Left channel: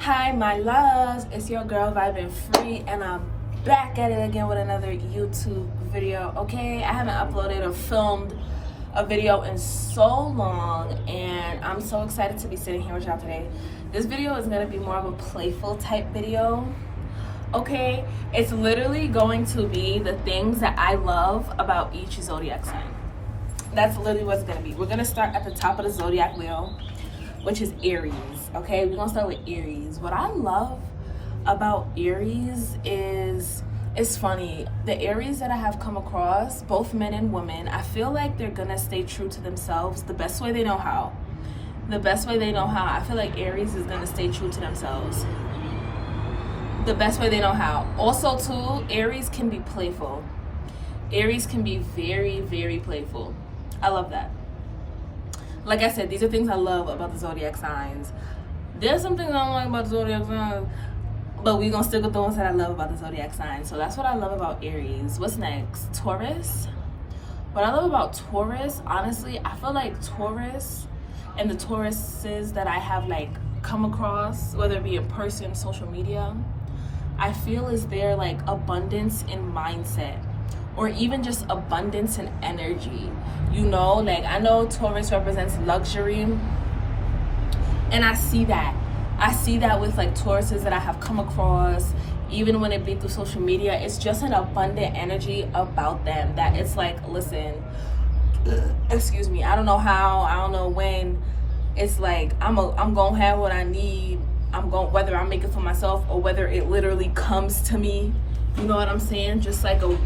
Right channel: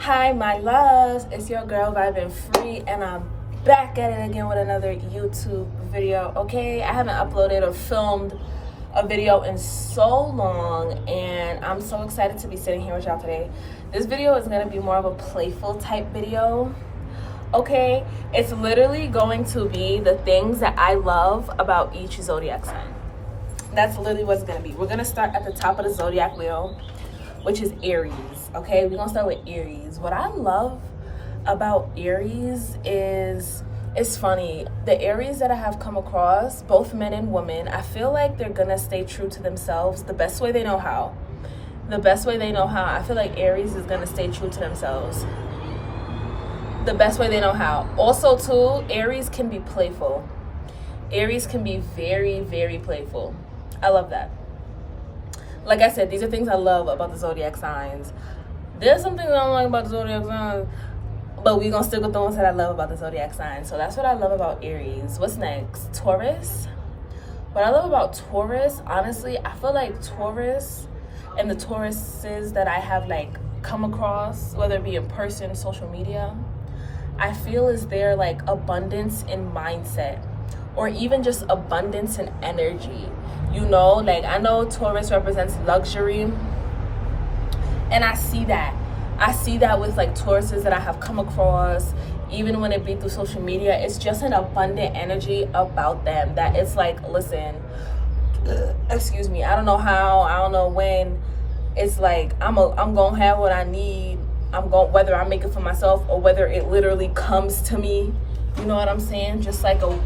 Hi, my loves. It's your girl Vibin' Free, and I'm back at it again with another YouTube video. Okay, I haven't uploaded or filmed a video in so long, and I'm so excited to be sitting here with y'all today. This video is gonna be more of a playful type video. Okay, it's literally going to be the things that I love about each zodiac sign. That's literally what it's gonna be. We're gonna start at the top of the zodiac wheel, which is Aries. Okay, we're gonna start with Aries. What I love about Aries is, it's funny, the Aries that I have come across, both men and women, I feel like they're gonna stay true to themselves the best way they know how. The best way they know how. I feel like Aries is gonna stay true to themselves the best way they know how. Also too, Aries can be playful. Aries can be very, very playful. I love that. Like I said, these are things I love about the zodiac signs. There's some things I don't like about the zodiac signs, but we're gonna stick with the ones that I love about the zodiac signs. So that's what I love about Aries. What's next? Taurus. What I love about Taurus, honestly, I feel like Taurus and the Tauruses that I have like come across, whether it be in person, social media, I feel is their like abundance in mindset, or even just abundance in energy. You know, like I know Taurus represents luxury, and I see that with like Tauruses that I have come across, even when it be through social media. It's just an abundant energy about them that it's like, listen, excuse me, I don't know how, I don't know when, it's like I'm gonna have what I need. Whether I make it for myself or whether it literally comes to me. You know what I'm saying? Just like an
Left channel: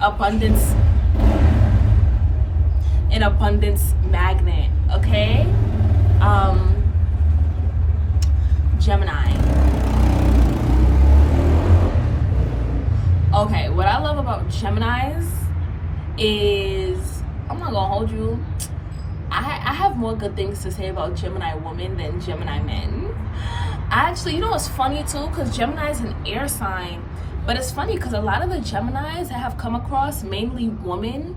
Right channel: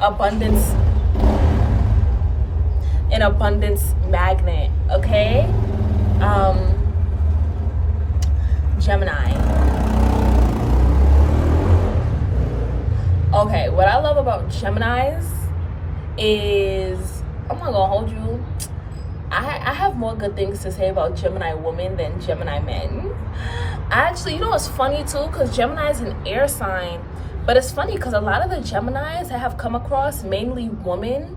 abundance magnet. Okay. Gemini. Okay, what I love about Geminis is, I'm not gonna hold you, I have more good things to say about Gemini women than Gemini men. Actually, you know what's funny too, because Gemini is an air sign, but it's funny because a lot of the Geminis I have come across, mainly women,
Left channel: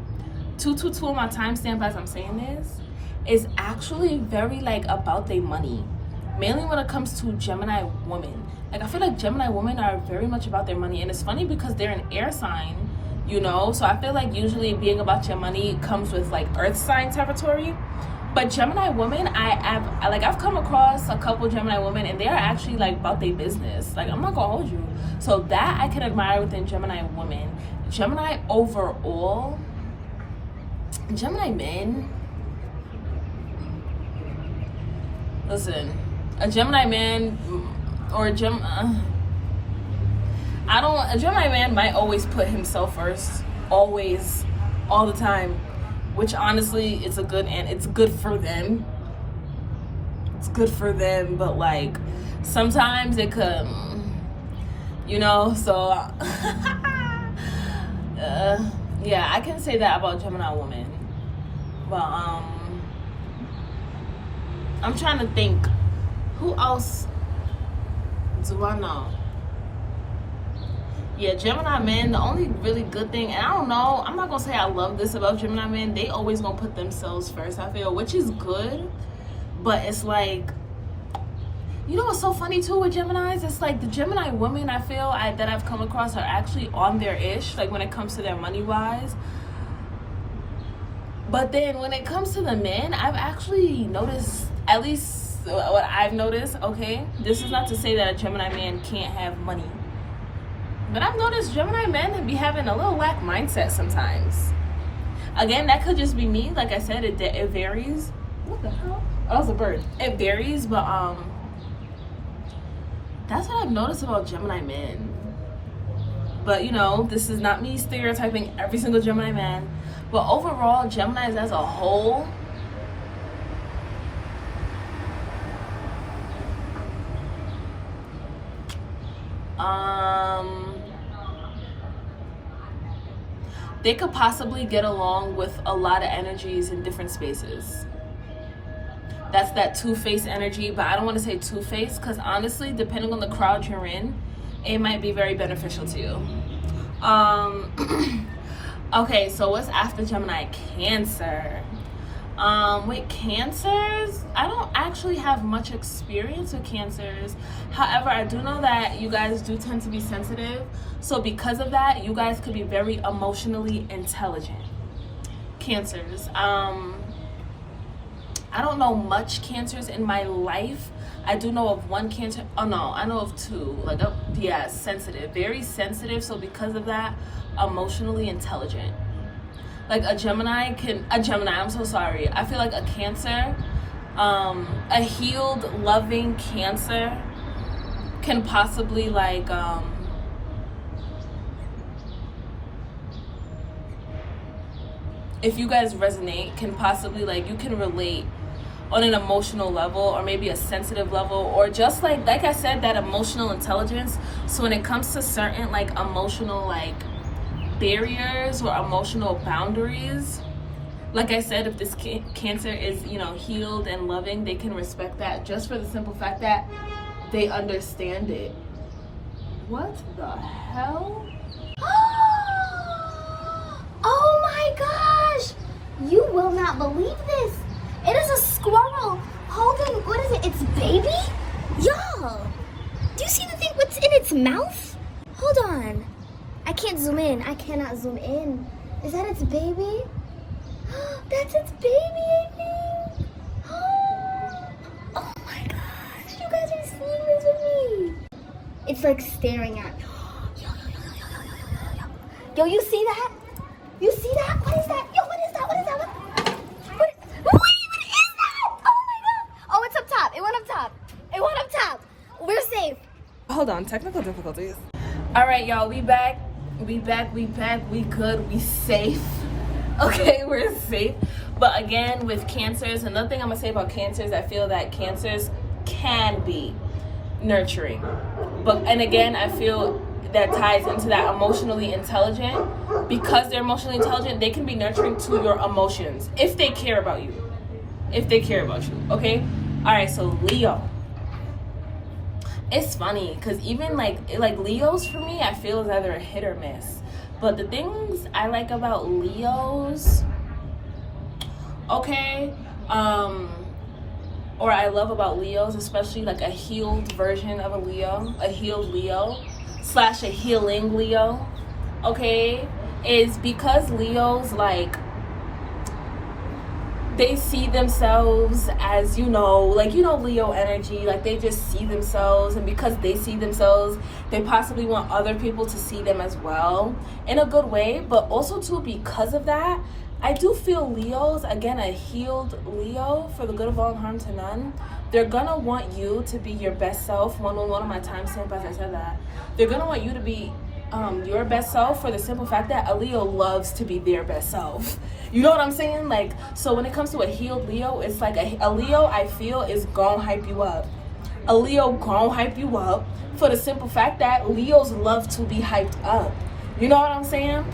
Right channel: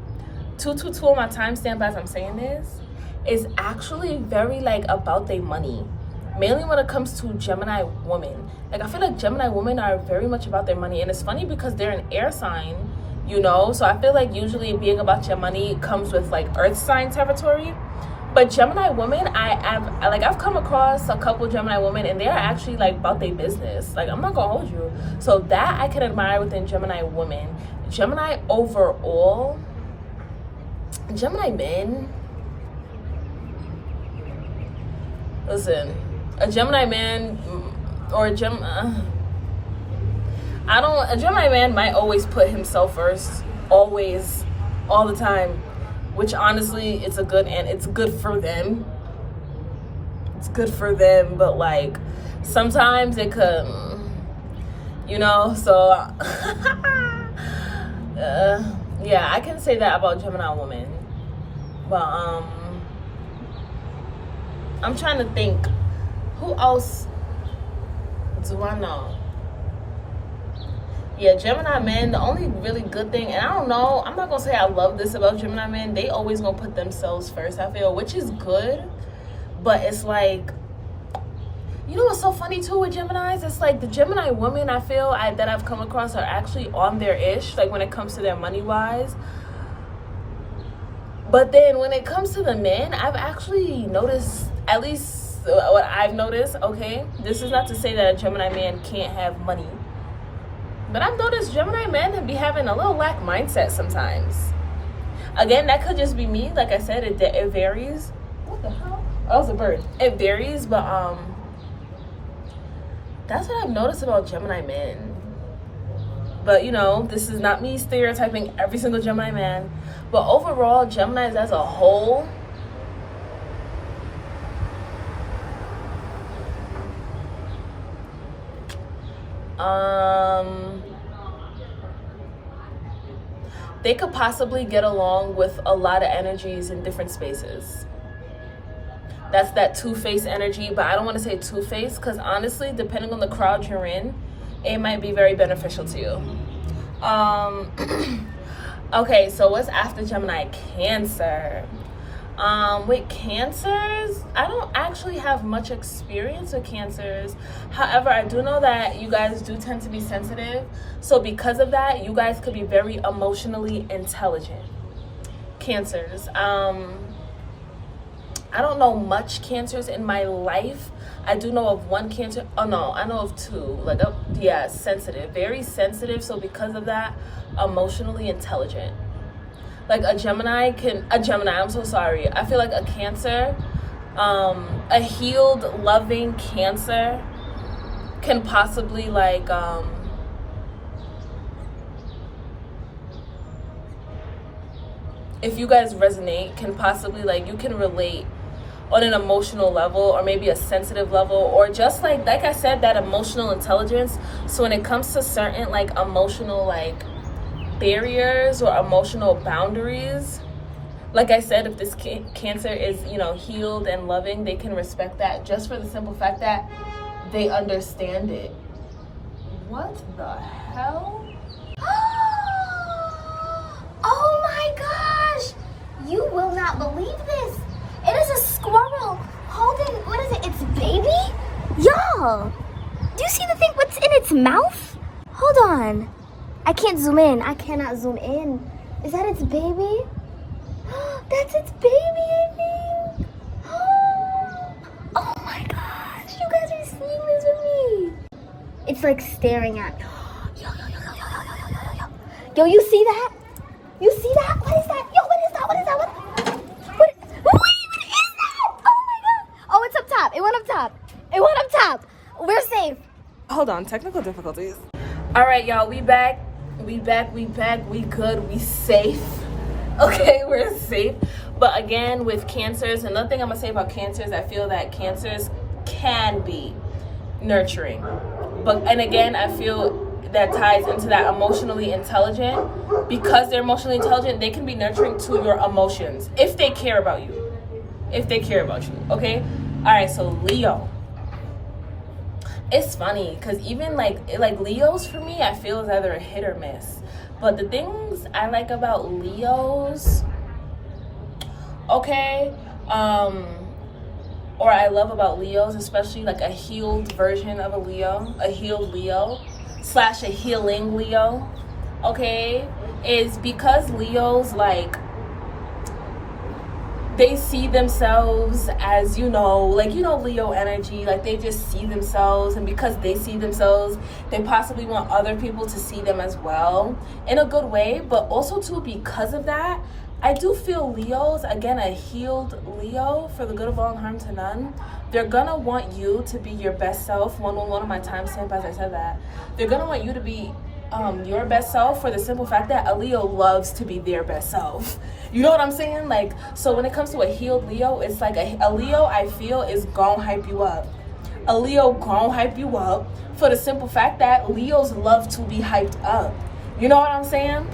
222 on my timestamp as I'm saying this, is actually very like about their money. Mainly when it comes to Gemini women. Like I feel like Gemini women are very much about their money, and it's funny because they're an air sign, you know, so I feel like usually being about your money comes with like earth sign territory. But Gemini women, I've come across a couple Gemini women, and they're actually like about their business. Like I'm not gonna hold you. So that I can admire within Gemini women. Gemini overall, Gemini men, listen, a Gemini man or a Gemini man might always put himself first, always, all the time, which honestly it's good for them. It's good for them, but like sometimes it could, you know, so yeah, I can say that about Gemini women. But I'm trying to think, who else do I know? Yeah, Gemini men, the only really good thing, and I don't know, I'm not gonna say I love this about Gemini men, they always gonna put themselves first, I feel, which is good, but it's like, you know what's so funny too with Geminis? It's like the Gemini women I feel that I've come across are actually on their ish, like when it comes to their money wise. But then when it comes to the men, I've actually noticed, at least what I've noticed, okay, this is not to say that a Gemini man can't have money, but I've noticed Gemini men be having a little lack mindset sometimes. Again, that could just be me. Like I said, it varies. What the hell? Oh, that was a bird. It varies, but that's what I've noticed about Gemini men. But you know, this is not me stereotyping every single Gemini man. But overall, Geminis as a whole, they could possibly get along with a lot of energies in different spaces. That's that two-faced energy, but I don't want to say two-faced because honestly, depending on the crowd you're in, it might be very beneficial to you. Okay, so what's after Gemini? Cancer. With cancers, I don't actually have much experience with cancers. However, I do know that you guys do tend to be sensitive. So because of that, you guys could be very emotionally intelligent. Cancers. I don't know much cancers in my life. I do know of one cancer. Oh no, I know of two. Like, yeah, sensitive, very sensitive. So because of that, emotionally intelligent. Like a Gemini, I'm so sorry. I feel like a Cancer, a healed, loving Cancer can possibly like, if you guys resonate, can possibly like, you can relate on an emotional level or maybe a sensitive level, or just like I said, that emotional intelligence. So when it comes to certain like emotional like barriers or emotional boundaries, like I said, if this Cancer is, you know, healed and loving, they can respect that just for the simple fact that they understand it. What the hell? Oh my gosh! You will not believe this. It is a squirrel holding, what is it, its baby? Y'all, do you see the thing, what's in its mouth? Hold on. I can't zoom in. I cannot zoom in. Is that its baby? That's its baby, I think. Oh my gosh. You guys are seeing this with me. It's like staring at. Yo, you see that? You see that? What is that? Yo, what is that? What is that? What is that? Oh my god. Oh, it's up top. It went up top. It went up top. We're safe. Hold on, technical difficulties. All right, y'all, we back. We good, we safe. Okay, we're safe. But again, with cancers, another thing I'm gonna say about cancers, I feel that cancers can be nurturing. And again, I feel that ties into that emotionally intelligent. Because they're emotionally intelligent, they can be nurturing to your emotions if they care about you. Okay? All right, so Leo. It's funny because even like Leos, for me, I feel is either a hit or miss. But the things I like about Leos, okay, or I love about Leos, especially like a healed version of a Leo, a healed Leo / a healing Leo, okay, is because Leos, like, they see themselves as, Leo energy, like they just see themselves, and because they see themselves, they possibly want other people to see them as well in a good way. But also too, because of that, I do feel Leos, again, a healed Leo, for the good of all and harm to none, they're gonna want you to be your best self. One of my timestamp, as I said that, they're gonna want you to be your best self, for the simple fact that a Leo loves to be their best self. You know what I'm saying? Like, so when it comes to a healed Leo, it's like a Leo, I feel, is gonna hype you up. A Leo gonna hype you up for the simple fact that Leos love to be hyped up. You know what I'm saying?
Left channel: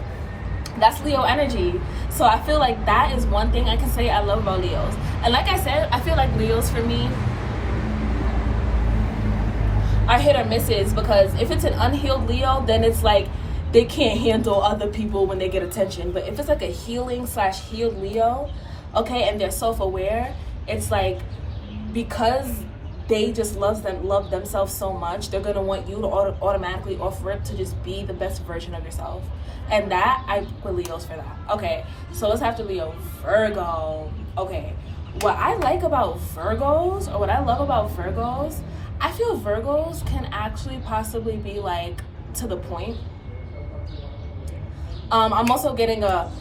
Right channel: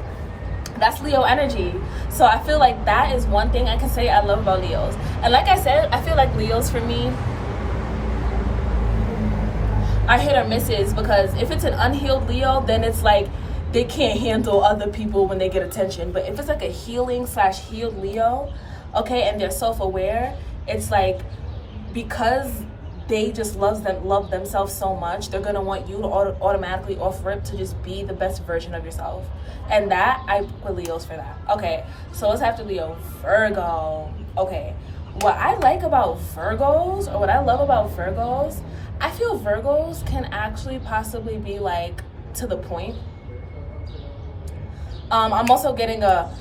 That's Leo energy. So I feel like that is one thing I can say I love about Leos. And like I said, I feel like Leos, for me, are hit or misses, because if it's an unhealed Leo, then it's like they can't handle other people when they get attention. But if it's like a healing / healed Leo, okay, and they're self-aware, it's like, because they just love themselves so much, they're gonna want you to automatically off rip to just be the best version of yourself. And that, I put Leos for that. Okay, so let's have to Leo. Virgo. Okay, what I like about Virgos, or what I love about Virgos, I feel Virgos can actually possibly be like to the point. I'm also getting a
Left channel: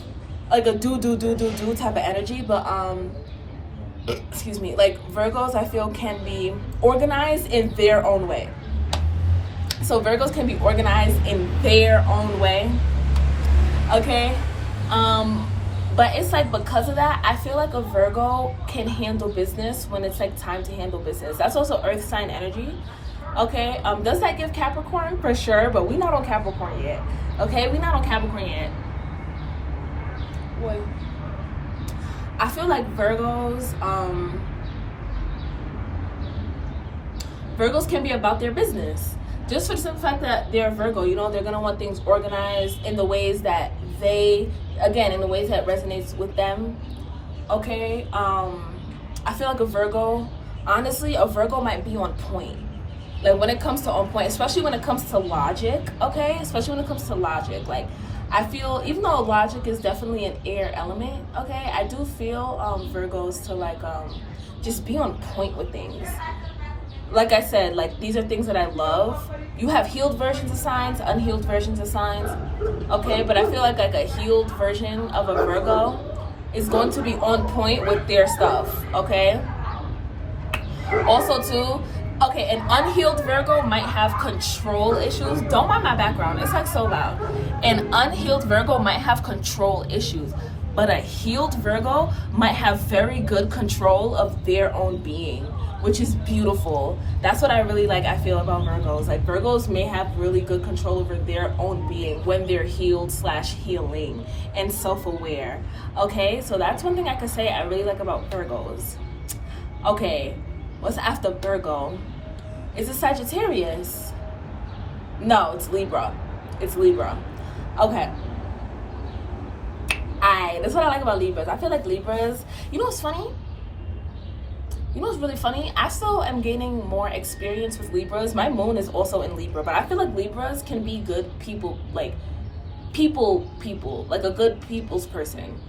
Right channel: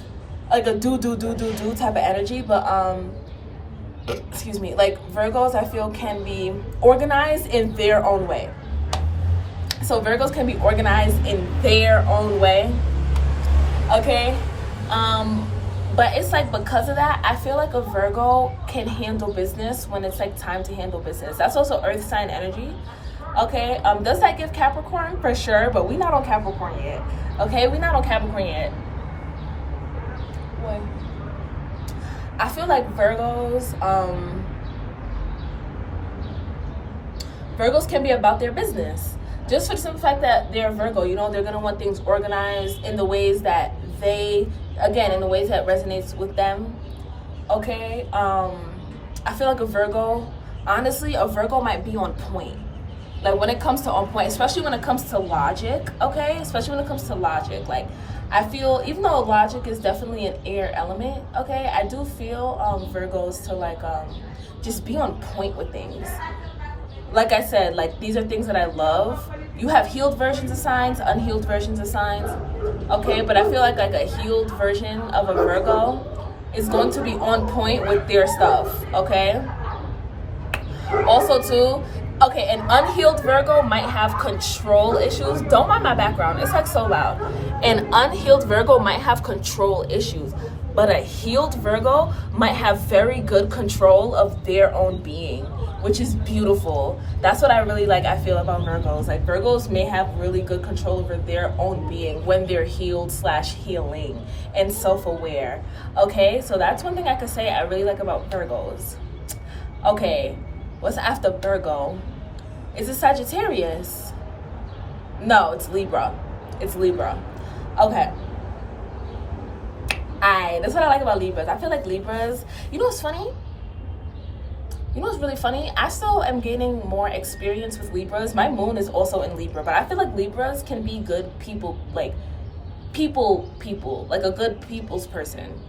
do type of energy, but excuse me, like Virgos, I feel, can be organized in their own way. So Virgos can be organized in their own way, okay? But it's like, because of that, I feel like a Virgo can handle business when it's like time to handle business. That's also earth sign energy, okay? Does that give Capricorn? For sure, but we're not on Capricorn yet, okay? We're not on Capricorn yet. Wait. I feel like Virgos can be about their business. Just for the simple fact that they're a Virgo, they're gonna want things organized in the ways that in the ways that resonates with them. okay? I feel like a Virgo, honestly, a Virgo might be on point. Like when it comes to on point, especially when it comes to logic, okay? Especially when it comes to logic. Like I feel, even though logic is definitely an air element, okay, I do feel Virgos to like just be on point with things. Like I said, like these are things that I love. You have healed versions of signs, unhealed versions of signs, okay? But I feel like a healed version of a Virgo is going to be on point with their stuff, okay? Also too, okay, an unhealed Virgo might have control issues. Don't mind my background, it's like so loud. An unhealed Virgo might have control issues, but a healed Virgo might have very good control of their own being, which is beautiful. That's what I really like, I feel about Virgos. Like Virgos may have really good control over their own being when they're healed / healing and self-aware. Okay, so that's one thing I could say I really like about Virgos. Okay, what's after Virgo? Is it Sagittarius? No, it's Libra. It's Libra. Okay. That's what I like about Libras. I feel like Libras, you know what's funny? You know what's really funny? I still am gaining more experience with Libras. My moon is also in Libra, but I feel like Libras can be good people, like people, like a good people's person.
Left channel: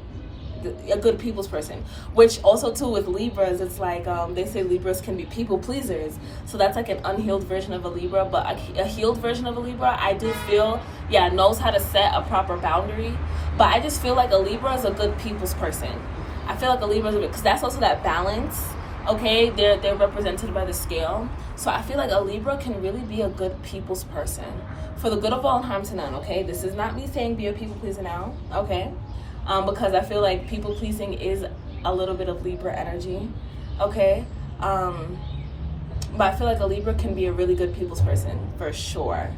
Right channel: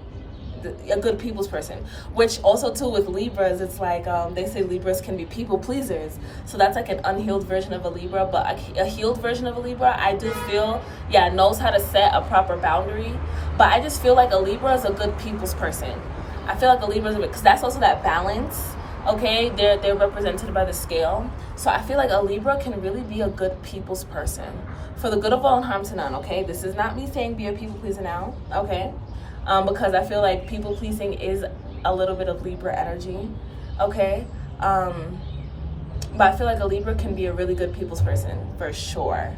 A good people's person, which also too with Libras, it's like they say Libras can be people pleasers, so that's like an unhealed version of a Libra. But a healed version of a Libra, I do feel, yeah, knows how to set a proper boundary. But I just feel like a Libra is a good people's person. I feel like a Libra is because that's also that balance. Okay, they're represented by the scale, so I feel like a Libra can really be a good people's person for the good of all and harm to none. Okay, this is not me saying be a people pleaser now, okay? Because I feel like people pleasing is a little bit of Libra energy, okay? But I feel like a Libra can be a really good people's person for sure.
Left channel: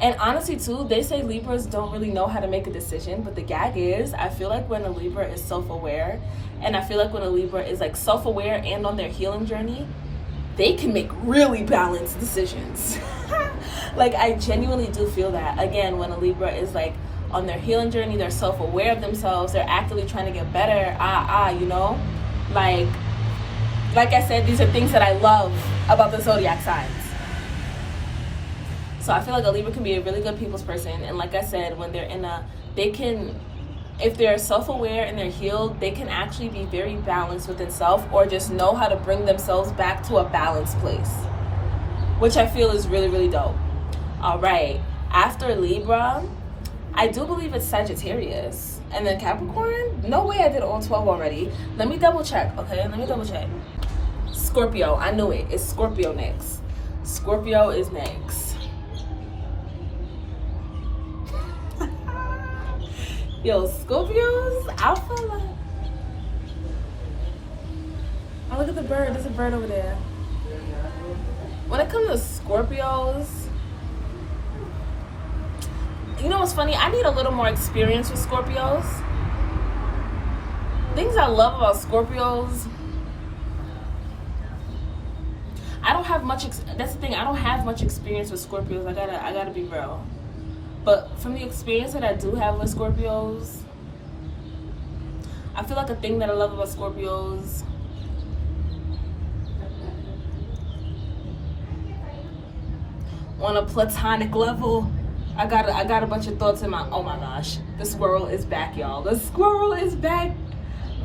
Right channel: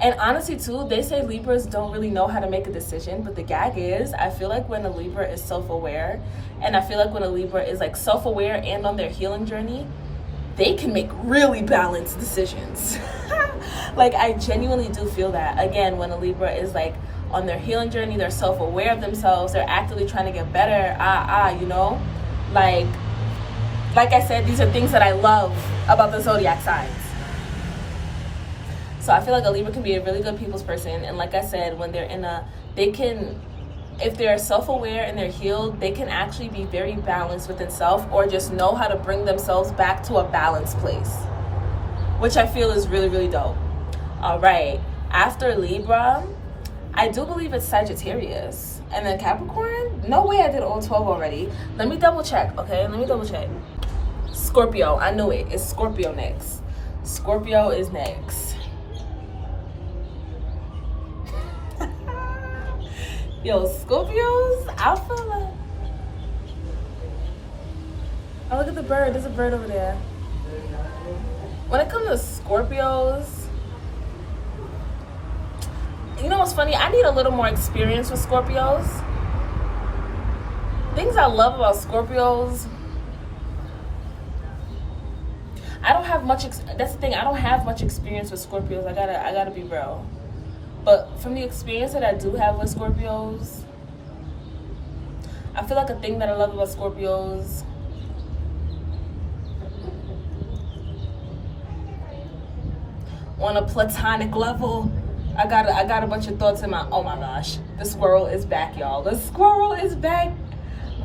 And honestly too, they say Libras don't really know how to make a decision, but the gag is, I feel like when a Libra is self-aware, and I feel like when a Libra is like self-aware and on their healing journey, they can make really balanced decisions. Like I genuinely do feel that. Again, when a Libra is like on their healing journey, they're self-aware of themselves, they're actively trying to get better, you know? Like I said, these are things that I love about the Zodiac signs. So I feel like a Libra can be a really good people's person. And like I said, when they're if they're self-aware and they're healed, they can actually be very balanced within self, or just know how to bring themselves back to a balanced place, which I feel is really, really dope. All right, after Libra, I do believe it's Sagittarius. And then Capricorn, no way I did all 12 already. Let me double check, okay? Let me double check. Scorpio, I knew it. It's Scorpio next. Scorpio is next. Yo, Scorpios, I feel like... Oh, look at the bird. There's a bird over there. When it comes to Scorpios, you know what's funny? I need a little more experience with Scorpios. Things I love about Scorpios, I don't have much, that's the thing, I don't have much experience with Scorpios. I gotta be real. But from the experience that I do have with Scorpios, I feel like a thing that I love about Scorpios, on a platonic level, I got a bunch of thoughts in my, oh my gosh, the squirrel is back, y'all. The squirrel is back.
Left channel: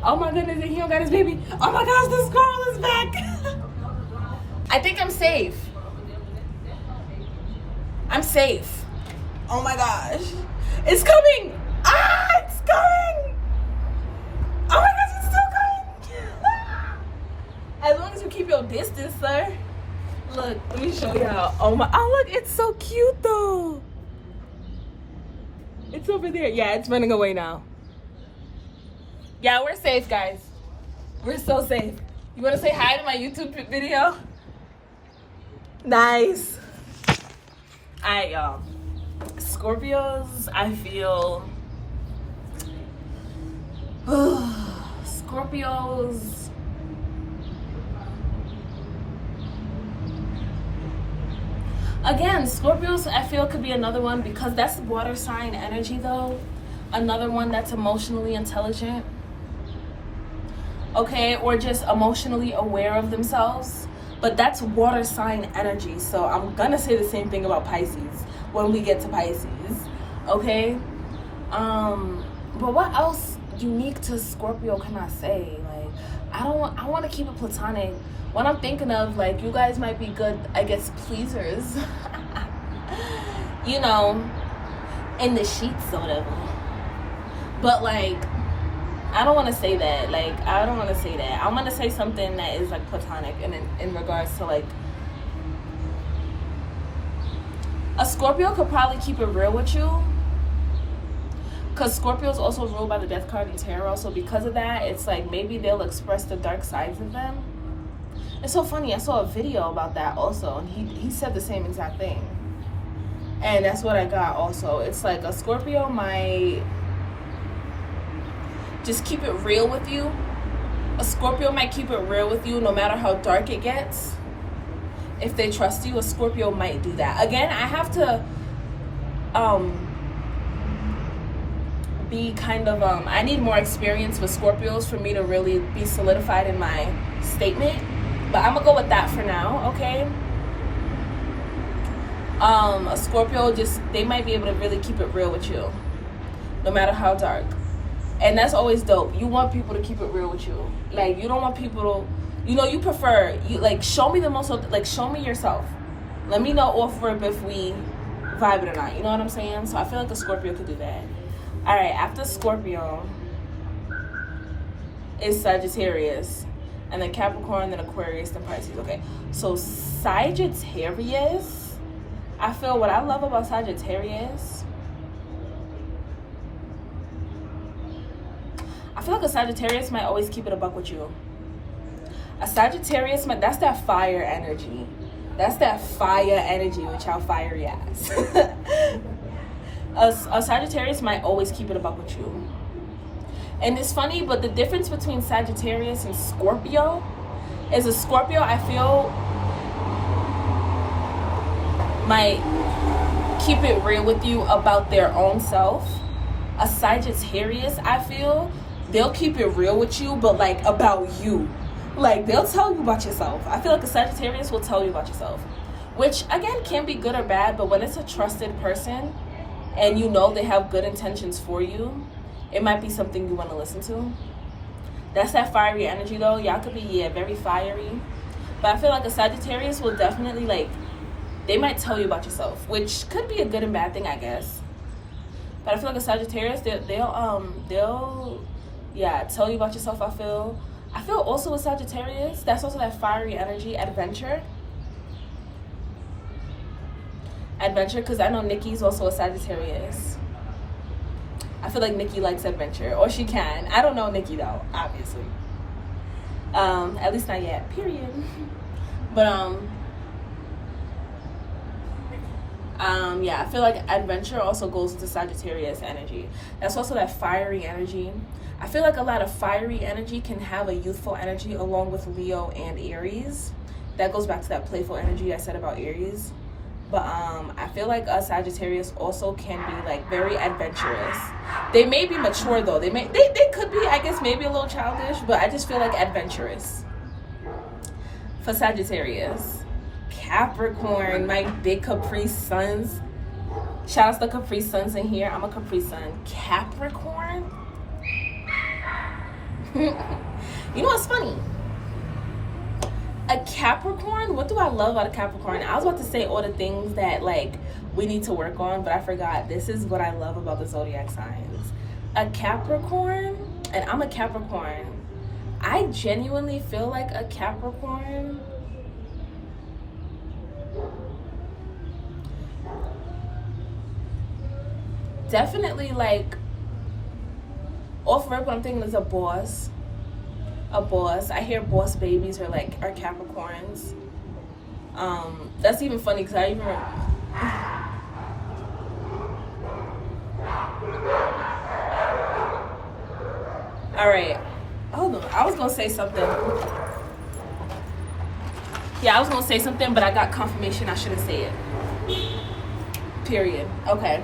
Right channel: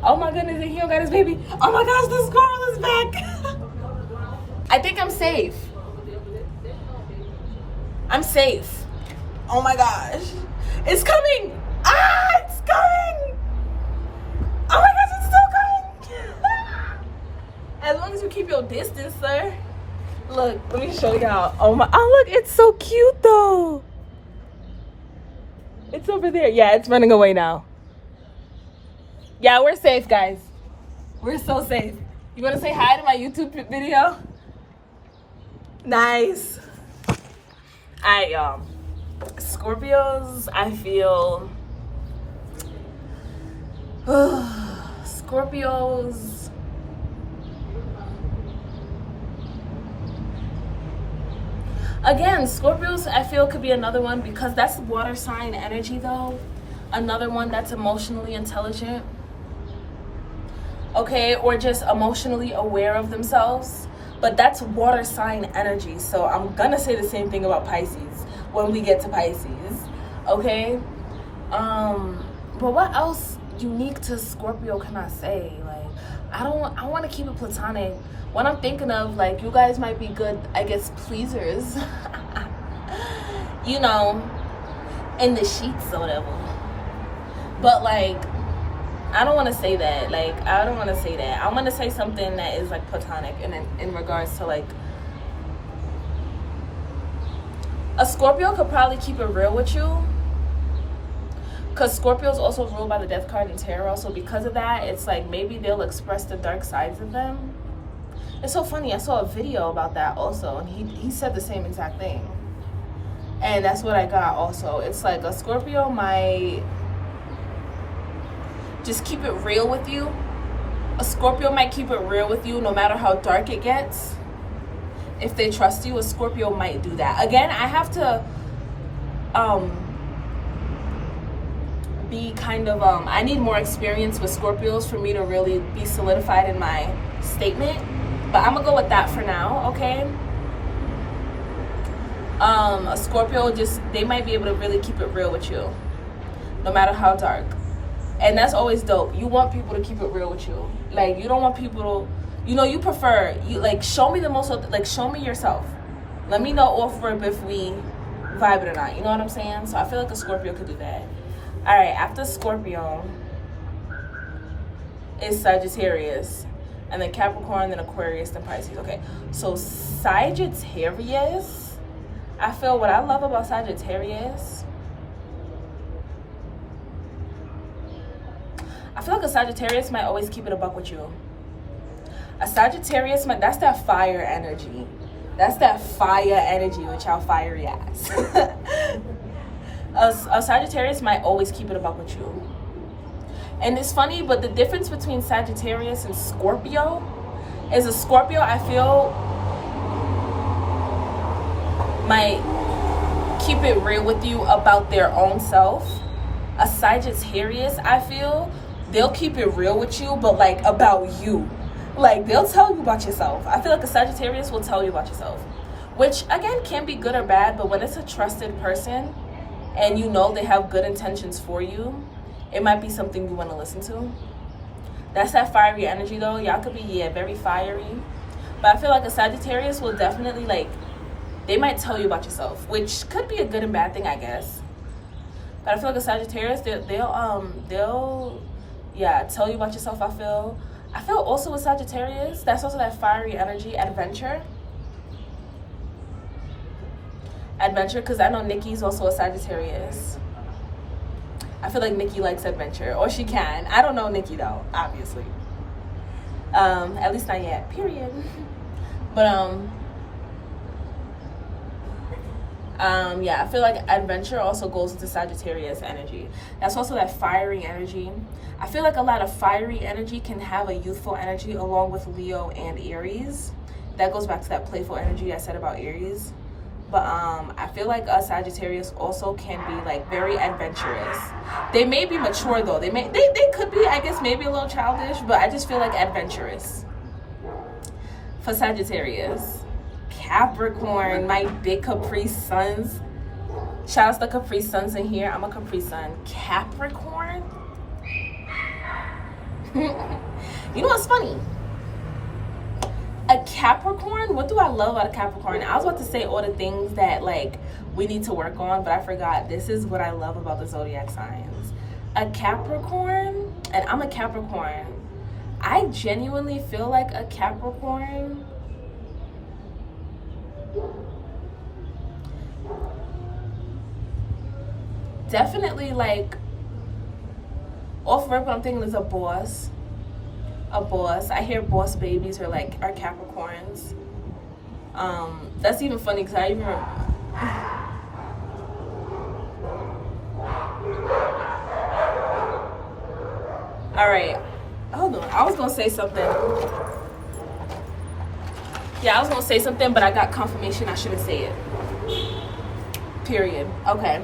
Oh my goodness, and he don't got his baby. Oh my gosh, the squirrel is back. I think I'm safe. I'm safe. Oh my gosh. It's coming. It's coming. Oh my gosh, it's still coming. As long as you keep your distance, sir. Look, let me show y'all. Oh look, it's so cute though. It's over there. Yeah, it's running away now. Yeah, we're safe, guys. We're so safe. You wanna say hi to my YouTube video? Nice. Alright, y'all. Scorpios, I feel Scorpios, again, Scorpios I feel could be another one, because that's water sign energy though. another one that's emotionally intelligent, okay, or just emotionally aware of themselves. But that's water sign energy, so I'm gonna say the same thing about Pisces when we get to Pisces, okay? But what else unique to Scorpio can I say? Like, I want to keep it platonic. What I'm thinking of, like, you guys might be good, I guess, pleasers, you know, in the sheets or whatever. But, like, I don't want to say that. Like, I don't want to say that. I'm going to say something that is, like, platonic in regards to, like, a Scorpio could probably keep it real with you. Because Scorpio is also ruled by the death card in tarot. So because of that, it's like maybe they'll express the dark sides of them. It's so funny. I saw a video about that also. And he said the same exact thing. And that's what I got also. It's like a Scorpio might just keep it real with you. A Scorpio might keep it real with you no matter how dark it gets. If they trust you, a Scorpio might do that. Again, I have to be kind of I need more experience with Scorpios for me to really be solidified in my statement, but I'm gonna go with that for now, okay? A Scorpio, just they might be able to really keep it real with you no matter how dark, and that's always dope. You want people to keep it real with you. Like, you don't want people to, you know, you prefer, you like, show me the most, like, show me yourself, let me know off rip if we vibe it or not, you know what I'm saying? So I feel like a Scorpio could do that. All right, after Scorpio is Sagittarius, and then Capricorn, then Aquarius, then Pisces. Okay, so Sagittarius, I feel what I love about Sagittarius, I feel like a Sagittarius might always keep it a buck with you. A Sagittarius, that's that fire energy. That's that fire energy with y'all fiery ass. A Sagittarius might always keep it a buck with you. And it's funny, but the difference between Sagittarius and Scorpio is a Scorpio, I feel, might keep it real with you about their own self. A Sagittarius, I feel, they'll keep it real with you, but like about you. Like, they'll tell you about yourself. I feel like a Sagittarius will tell you about yourself, which again can be good or bad, but when it's a trusted person and you know they have good intentions for you, it might be something you want to listen to. That's that fiery energy though. Y'all could be, yeah, very fiery. But I feel like a Sagittarius will definitely, like, they might tell you about yourself, which could be a good and bad thing, I guess. But I feel like a Sagittarius, they'll yeah, tell you about yourself. I feel also a Sagittarius, that's also that fiery energy, adventure, because I know Nikki's also a Sagittarius. I feel like Nikki likes adventure, or she can. I don't know Nikki though, obviously. At least not yet, period. But yeah, I feel like adventure also goes into Sagittarius energy. That's also that fiery energy. I feel like a lot of fiery energy can have a youthful energy along with Leo and Aries. That goes back to that playful energy I said about Aries. But I feel like a Sagittarius also can be like very adventurous. They may be mature though. They could be, I guess, maybe a little childish, but I just feel like adventurous for Sagittarius. Capricorn, my big Capri Suns. Shout out to the Capri Suns in here. I'm a Capri Sun. Capricorn. You know what's funny? A Capricorn, what do I love about a Capricorn? I was about to say all the things that, like, we need to work on, but I forgot. This is what I love about the zodiac signs. A Capricorn, and I'm a Capricorn. I genuinely feel like a Capricorn definitely, like, off rip, what I'm thinking is a boss. I hear boss babies are Capricorns. That's even funny because I even all right, hold on, I was gonna say something. Yeah, I was gonna say something, but I got confirmation I shouldn't say it, period. Okay,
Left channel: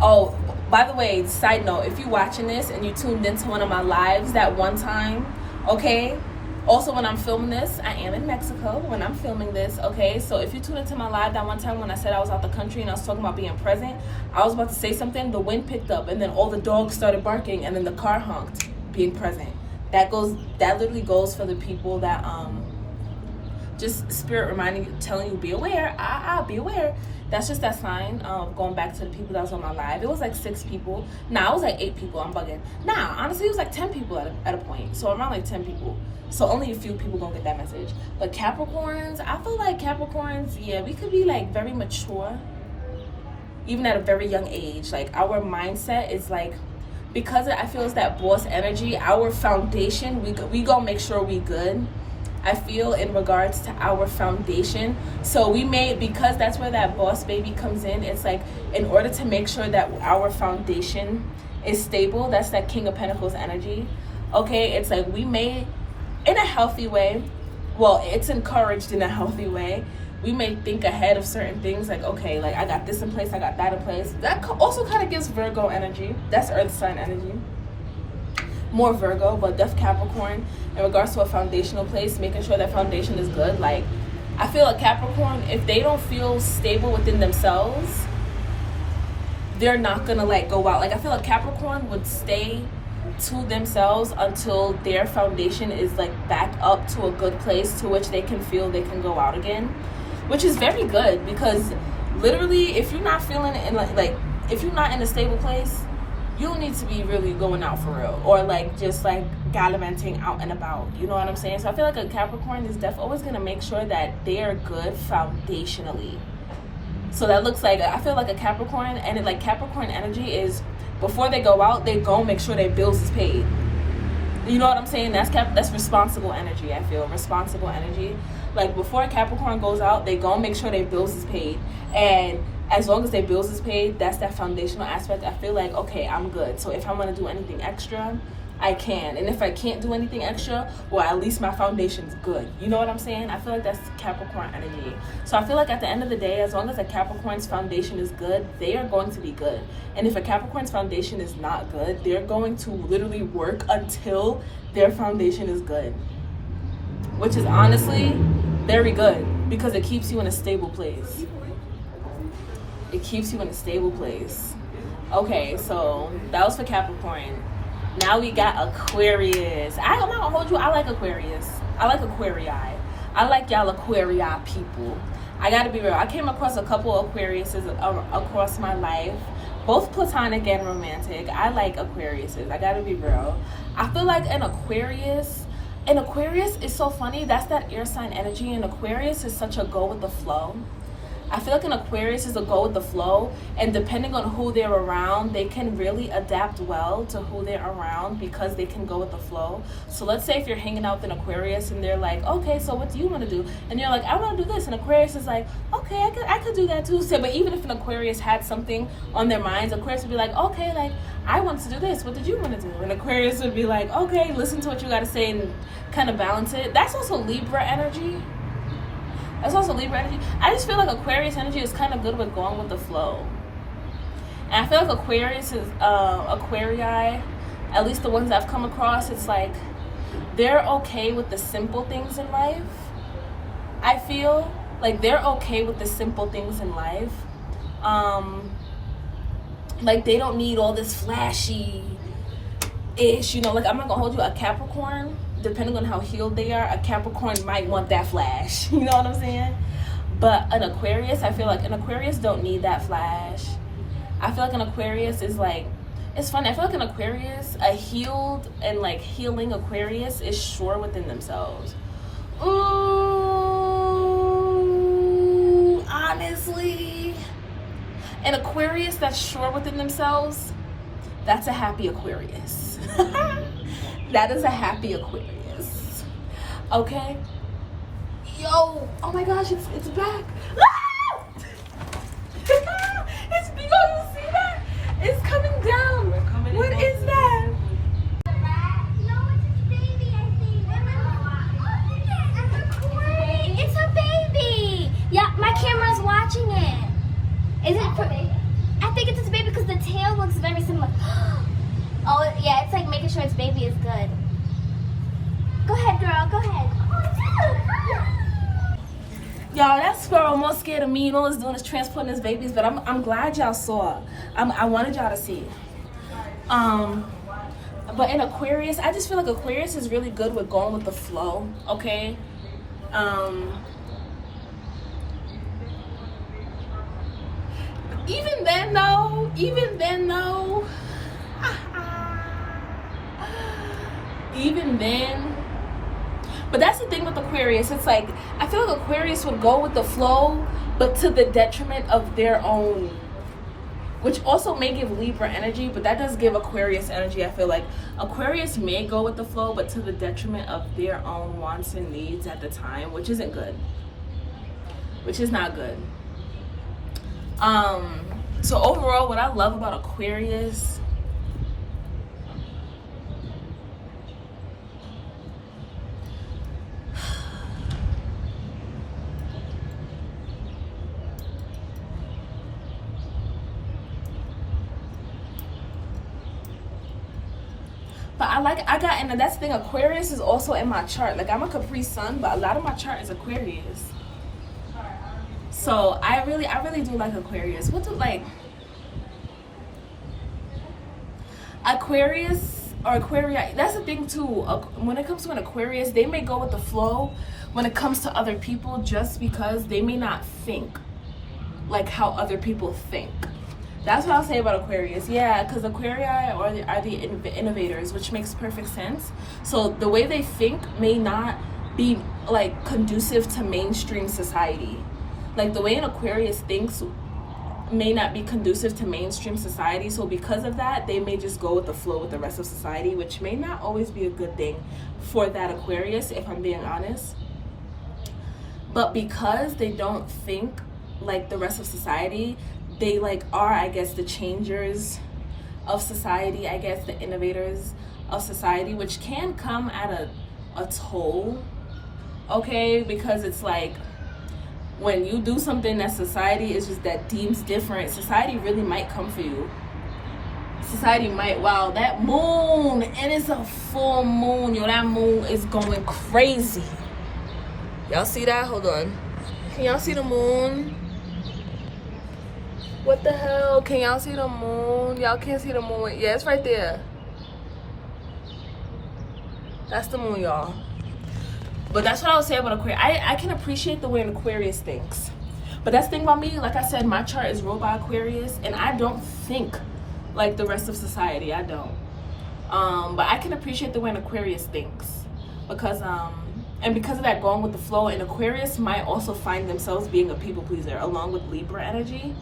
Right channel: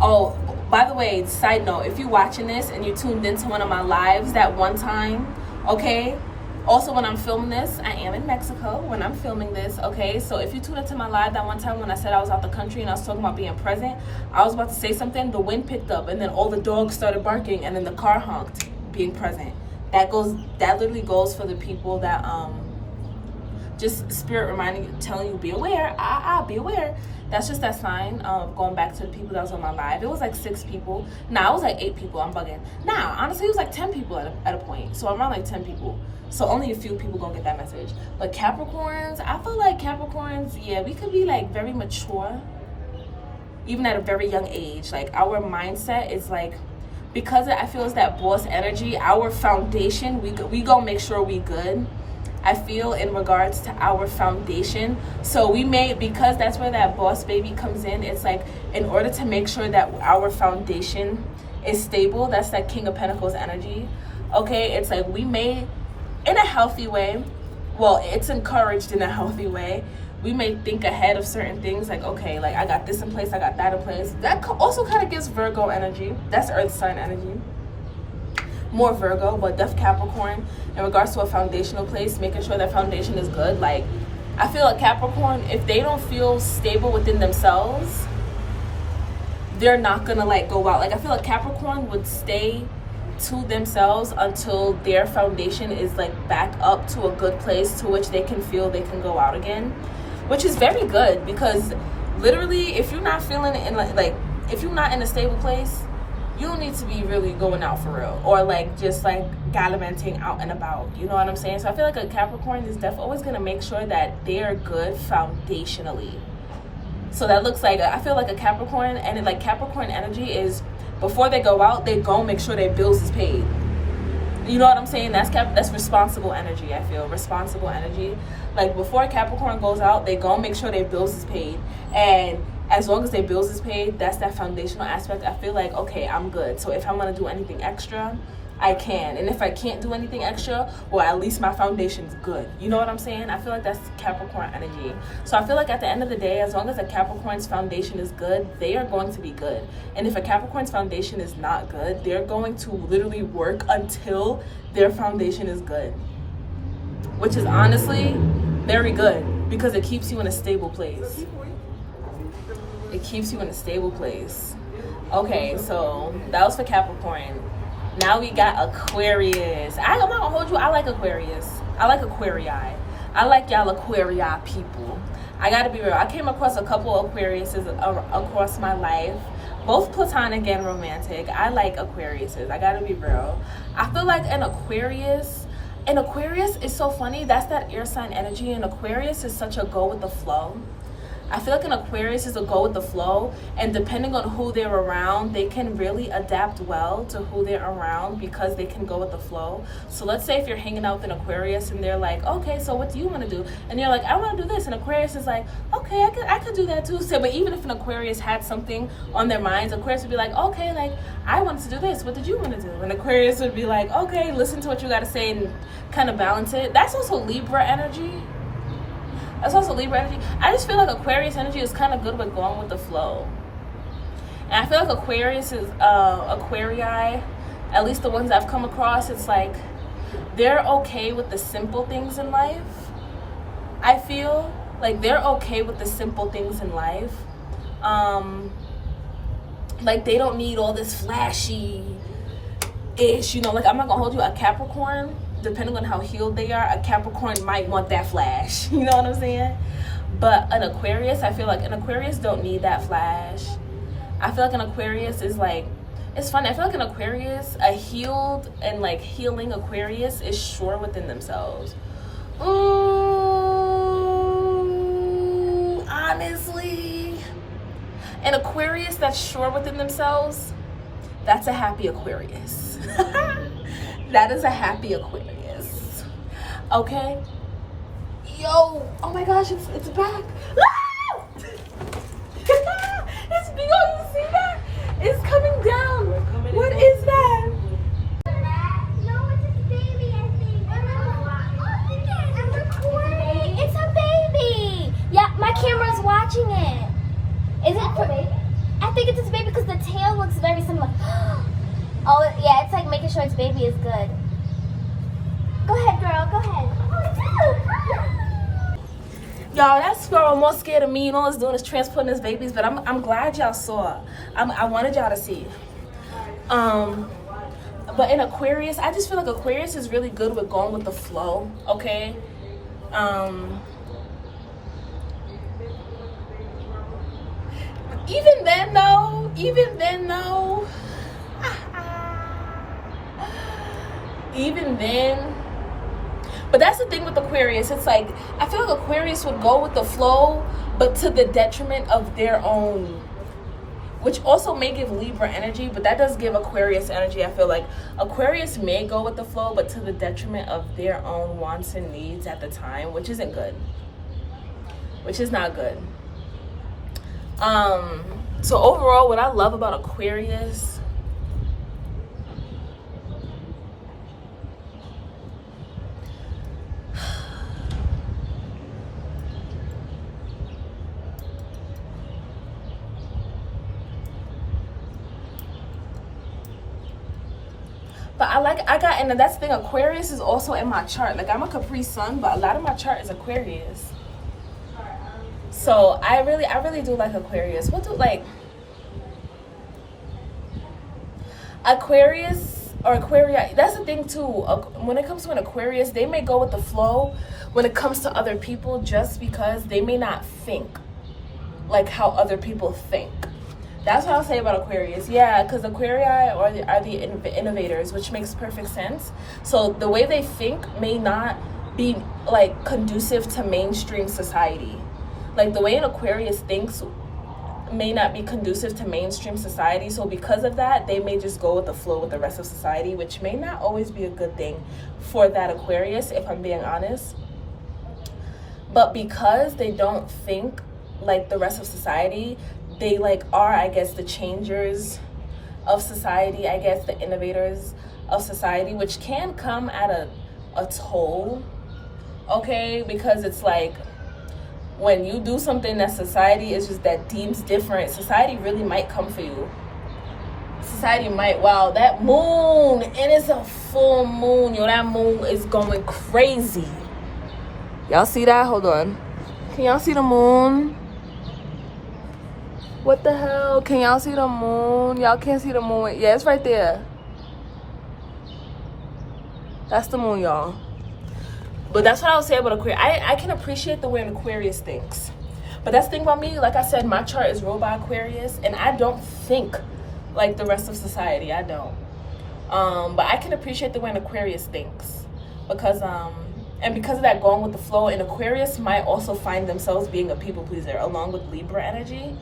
Oh, by the way, side note, if you're watching this and you tuned into one of my lives that one time, okay? Also, when I'm filming this, I am in Mexico when I'm filming this, okay? So if you tune into my live that one time when I said I was out the country and I was talking about being present, I was about to say something, the wind picked up, and then all the dogs started barking, and then the car honked, being present. That literally goes for the people that, just spirit reminding you, telling you, be aware, be aware. That's just that sign. Going back to the people that was on my live, it was like 6 people. Nah, it was like 8 people. I'm bugging. Nah, honestly, it was like 10 people at a point. So around like 10 people. So only a few people gonna get that message. But Capricorns, I feel like Capricorns, yeah, we could be like very mature, even at a very young age. Like our mindset is like, because I feel it's that boss energy. Our foundation, we gonna make sure we good. I feel in regards to our foundation. So we may, because that's where that boss baby comes in, it's like in order to make sure that our foundation is stable, that's that King of Pentacles energy. Okay, it's like we may, in a healthy way, well, it's encouraged in a healthy way, we may think ahead of certain things, like, okay, like I got this in place, I got that in place. That also kind of gives Virgo energy. That's earth sign energy. More Virgo, but def Capricorn in regards to a foundational place, making sure that foundation is good. Like I feel like Capricorn, if they don't feel stable within themselves, they're not gonna like go out. Like I feel like Capricorn would stay to themselves until their foundation is like back up to a good place to which they can feel they can go out again, which is very good, because literally if you're not feeling it in like if you're not in a stable place, you don't need to be really going out for real, or like just like gallivanting out and about. You know what I'm saying? So I feel like a Capricorn is definitely always gonna make sure that they are good foundationally. So that looks like, I feel like a Capricorn, and like Capricorn energy is before they go out, they go make sure their bills is paid. You know what I'm saying? That's responsible energy. I feel responsible energy. Like before Capricorn goes out, they go make sure their bills is paid, and as long as their bills is paid, that's that foundational aspect. I feel like, okay, I'm good. So if I'm gonna do anything extra, I can. And if I can't do anything extra, well, at least my foundation's good. You know what I'm saying? I feel like that's Capricorn energy. So I feel like at the end of the day, as long as a Capricorn's foundation is good, they are going to be good. And if a Capricorn's foundation is not good, they're going to literally work until their foundation is good. Which is honestly very good, because it keeps you in a stable place. It keeps you in a stable place. Okay, so that was for Capricorn. Now we got Aquarius. I'm not gonna hold you. I like Aquarius. I like Aquarii. I like y'all Aquarii people. I gotta be real. I came across a couple of Aquariuses across my life, both platonic and romantic. I like Aquariuses. I gotta be real. I feel like an Aquarius is so funny. That's that air sign energy. And Aquarius is such a go with the flow. I feel like an Aquarius is a go with the flow, and depending on who they're around, they can really adapt well to who they're around because they can go with the flow. So let's say if you're hanging out with an Aquarius and they're like, okay, so what do you want to do? And you're like, I want to do this. And Aquarius is like, okay, I could do that too. So, but even if an Aquarius had something on their minds, Aquarius would be like, okay, like I want to do this. What did you want to do? And Aquarius would be like, okay, listen to what you got to say and kind of balance it. That's also Libra energy. That's also Libra energy. I just feel like Aquarius energy is kind of good with going with the flow. And I feel like Aquarius is, Aquarii, at least the ones I've come across, it's like they're okay with the simple things in life. I feel like they're okay with the simple things in life. Like they don't need all this flashy-ish, you know, like I'm not gonna hold you, a Capricorn, depending on how healed they are, a Capricorn might want that flash. You know what I'm saying? But an Aquarius, I feel like an Aquarius don't need that flash. I feel like an Aquarius is like, it's funny. I feel like an Aquarius, a healed and like healing Aquarius is sure within themselves. Ooh, honestly, an Aquarius that's sure within themselves, that's a happy Aquarius. That is a happy Aquarius. Okay? Yo, oh my gosh, it's back. Ah! It's big, you see that? It's coming down. What is that? It's a baby. Yeah, my camera's watching it. Y'all, that squirrel more scared of me. You know, it's doing is transporting his babies, but I'm glad y'all saw. I wanted y'all to see. But in Aquarius, I just feel like Aquarius is really good with going with the flow, okay? Even then but that's the thing with Aquarius. It's like, I feel like Aquarius would go with the flow, but to the detriment of their own, which also may give Libra energy, but that does give Aquarius energy. I feel like Aquarius may go with the flow, but to the detriment of their own wants and needs at the time, which isn't good, which is not good. So overall, what I love about Aquarius, but and that's the thing, Aquarius is also in my chart. Like, I'm a Capri Sun, but a lot of my chart is Aquarius. So I really do like Aquarius. Aquarius or Aquarii, that's the thing too. When it comes to an Aquarius, they may go with the flow when it comes to other people, just because they may not think like how other people think. That's what I'll say about Aquarius. Yeah, because Aquarii are the innovators, which makes perfect sense. So the way they think may not be like conducive to mainstream society. Like, the way an Aquarius thinks may not be conducive to mainstream society. So because of that, they may just go with the flow with the rest of society, which may not always be a good thing for that Aquarius, if I'm being honest. But because they don't think like the rest of society, they like are, I guess, the changers of society, I guess, the innovators of society, which can come at a toll, okay? Because it's like, when you do something that society is just that deems different, society really might come for you. Society might, wow, that moon, and it's a full moon, yo, that moon is going crazy. Y'all see that? Hold on. Can y'all see the moon? What the hell? Can y'all see the moon? Y'all can't see the moon. Yeah, it's right there. That's the moon, y'all. But that's what I would say about Aquarius. I can appreciate the way an Aquarius thinks. But that's the thing about me. Like I said, my chart is ruled by Aquarius, and I don't think like the rest of society. I don't. But I can appreciate the way an Aquarius thinks. Because of that going with the flow, and Aquarius might also find themselves being a people pleaser along with Libra energy.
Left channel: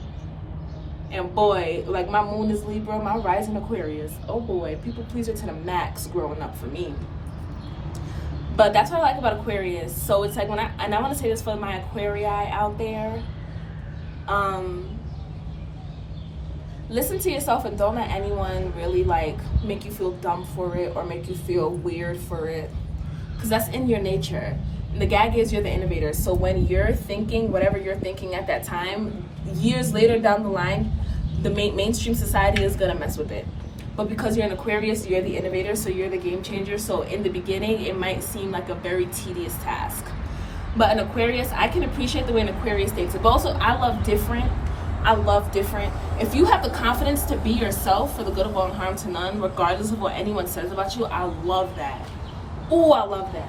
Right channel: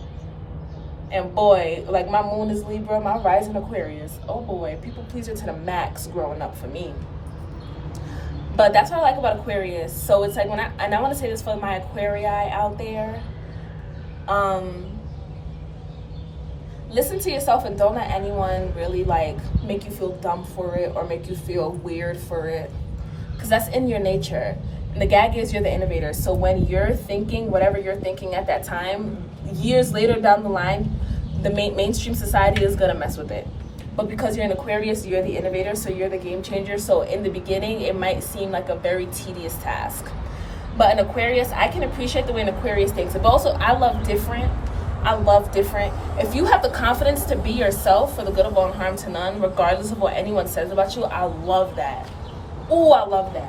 And boy, like, my moon is Libra, my rising Aquarius. Oh boy, people pleaser to the max growing up for me. But that's what I like about Aquarius. So it's like, and I want to say this for my Aquarii out there. Listen to yourself and don't let anyone really like make you feel dumb for it or make you feel weird for it. Because that's in your nature. And the gag is, you're the innovator. So when you're thinking whatever you're thinking at that time, years later down the line, the mainstream society is going to mess with it. But because you're an Aquarius, you're the innovator, so you're the game changer. So in the beginning, it might seem like a very tedious task. But an Aquarius, I can appreciate the way an Aquarius thinks. But also, I love different. If you have the confidence to be yourself for the good of all and harm to none, regardless of what anyone says about you, I love that. Ooh, I love that.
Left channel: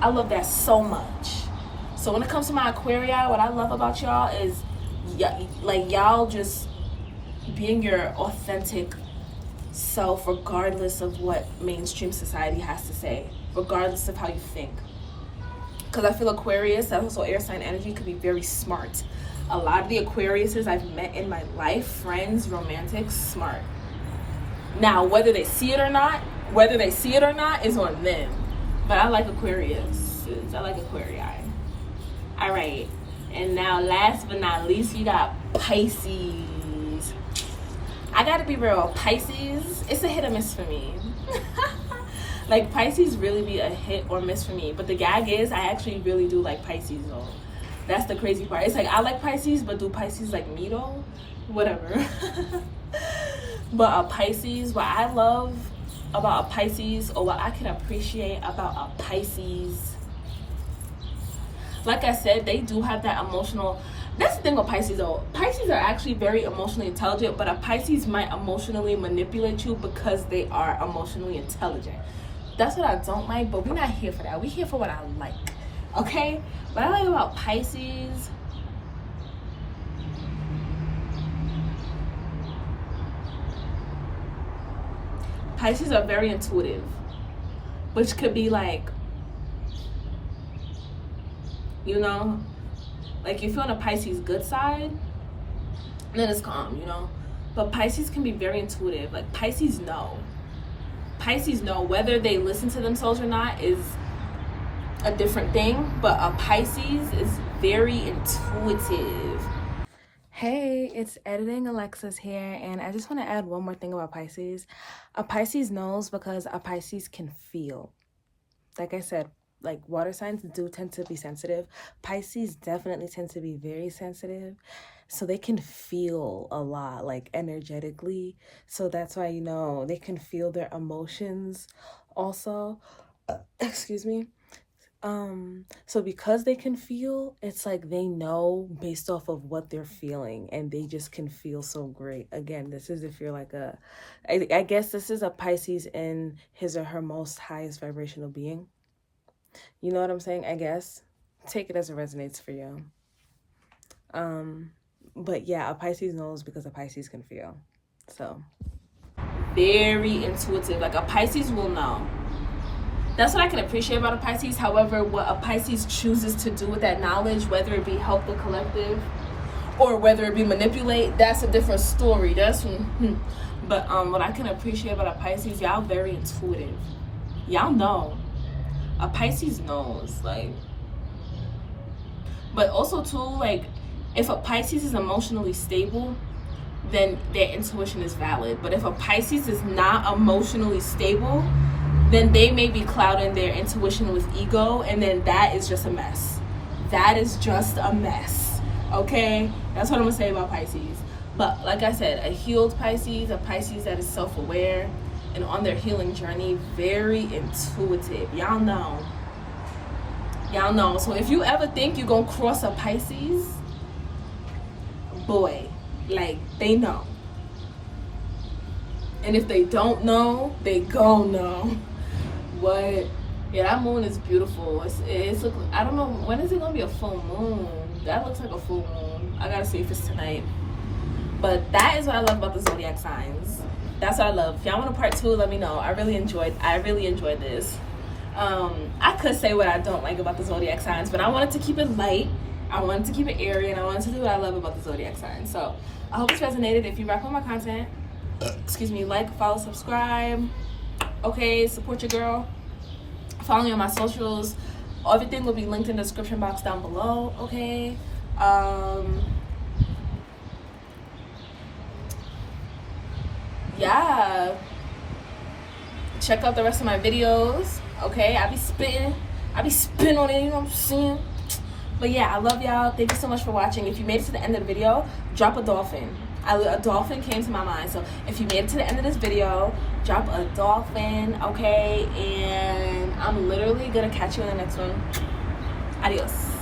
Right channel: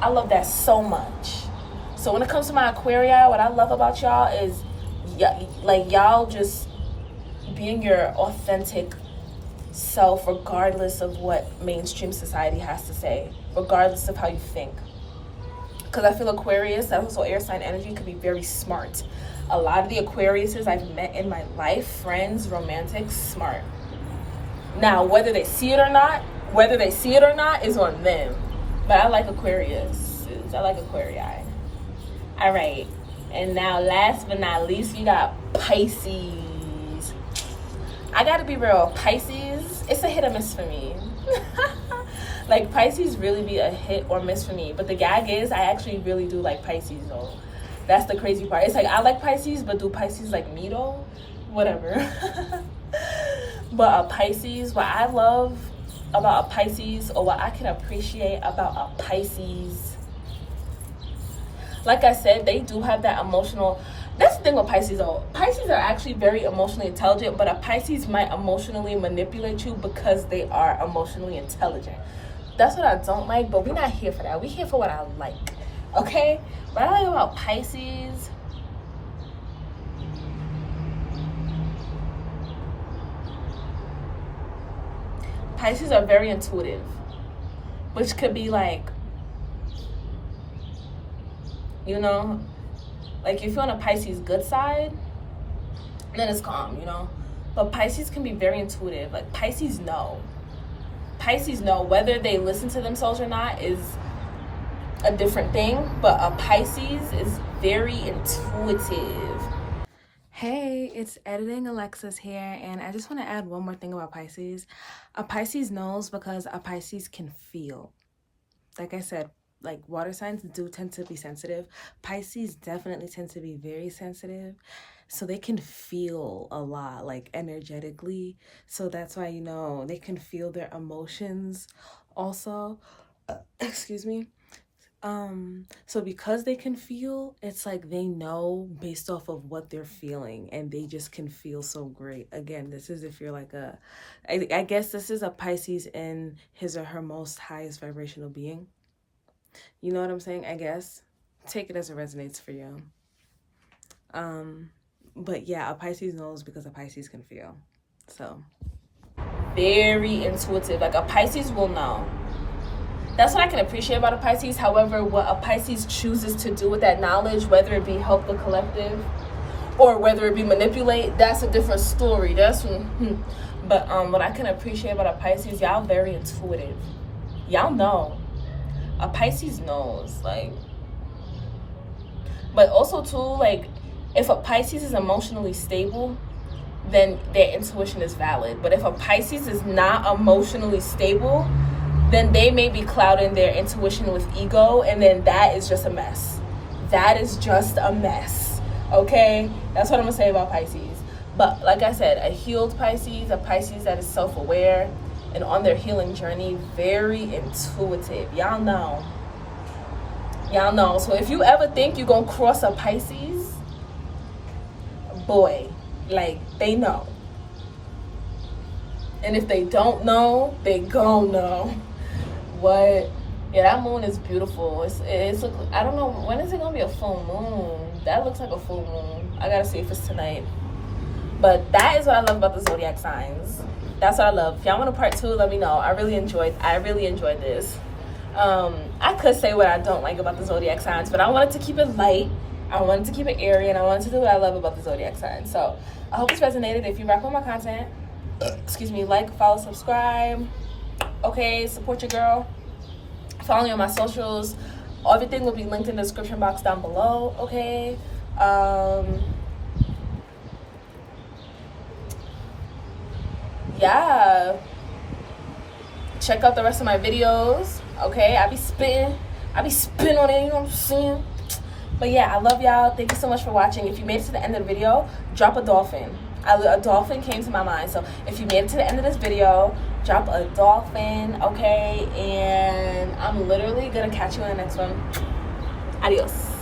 I love that so much. So when it comes to my Aquarii, what I love about y'all is, like, y'all just being your authentic self, regardless of what mainstream society has to say, regardless of how you think. Because I feel Aquarius, that's also air sign energy, could be very smart. A lot of the Aquariuses I've met in my life, friends, romantics, smart. Now, whether they see it or not is on them. But I like Aquarius. I like Aquarii. All right. And now, last but not least, you got Pisces. I gotta be real, Pisces, it's a hit or miss for me. Like, Pisces really be a hit or miss for me. But the gag is, I actually really do like Pisces, though. That's the crazy part. It's like, I like Pisces, but do Pisces like me, though? Whatever. But a Pisces, what I love about a Pisces, or what I can appreciate about a Pisces, like I said, they do have that emotional. That's the thing with Pisces though. Pisces are actually very emotionally intelligent, but a Pisces might emotionally manipulate you because they are emotionally intelligent. That's what I don't like, but we're not here for that. We're here for what I like, okay? What I like about Pisces, Pisces are very intuitive, which could be like, you know, like if you're on a Pisces good side, then it's calm, you know. But Pisces can be very intuitive. Like Pisces know whether they listen to themselves or not is a different thing, but a Pisces is very intuitive. Hey, it's Editing Alexis here, and I just want to add one more thing about Pisces. A Pisces knows because a Pisces can feel. Like I said, like water signs do tend to be sensitive. Pisces definitely tend to be very sensitive. So they can feel a lot, like energetically. So that's why, you know, they can feel their emotions also. Excuse me. So because they can feel, it's like they know based off of what they're feeling, and they just can feel so great. Again, this is if you're like I guess this is a Pisces in his or her most highest vibrational being. You know what I'm saying? I guess. Take it as it resonates for you. But yeah, a Pisces knows because a Pisces can feel. So very intuitive. Like a Pisces will know. That's what I can appreciate about a Pisces. However, what a Pisces chooses to do with that knowledge, whether it be help the collective or whether it be manipulate, that's a different story. That's but what I can appreciate about a Pisces, y'all very intuitive. Y'all know. A Pisces knows, like, but also too, like, if a Pisces is emotionally stable, then their intuition is valid. But if a Pisces is not emotionally stable, then they may be clouding their intuition with ego, and then that is just a mess. That is just a mess, okay? That's what I'm gonna say about Pisces. But like I said, a healed Pisces, a Pisces that is self-aware and on their healing journey, very intuitive. Y'all know. Y'all know. So if you ever think you're gonna cross a Pisces, boy, like, they know. And if they don't know, they gon' know. What? Yeah, that moon is beautiful. It's look, I don't know, when is it gonna be a full moon? That looks like a full moon. I gotta see if it's tonight. But that is what I love about the zodiac signs. That's what I love. If y'all want a part 2, let me know. I really enjoyed this. I could say what I don't like about the zodiac signs, but I wanted to keep it light. I wanted to keep it airy, and I wanted to do what I love about the zodiac signs. So I hope this resonated. If you rock with my content, excuse me, like, follow, subscribe. Okay, support your girl. Follow me on my socials. Everything will be linked in the description box down below. Okay. Yeah. Check out the rest of my videos. Okay, I be spitting on it, you know what I'm saying? But yeah, I love y'all. Thank you so much for watching. If you made it to the end of the video, drop a dolphin. A dolphin came to my mind. So if you made it to the end of this video, drop a dolphin, okay? And I'm literally gonna catch you in the next one. Adios.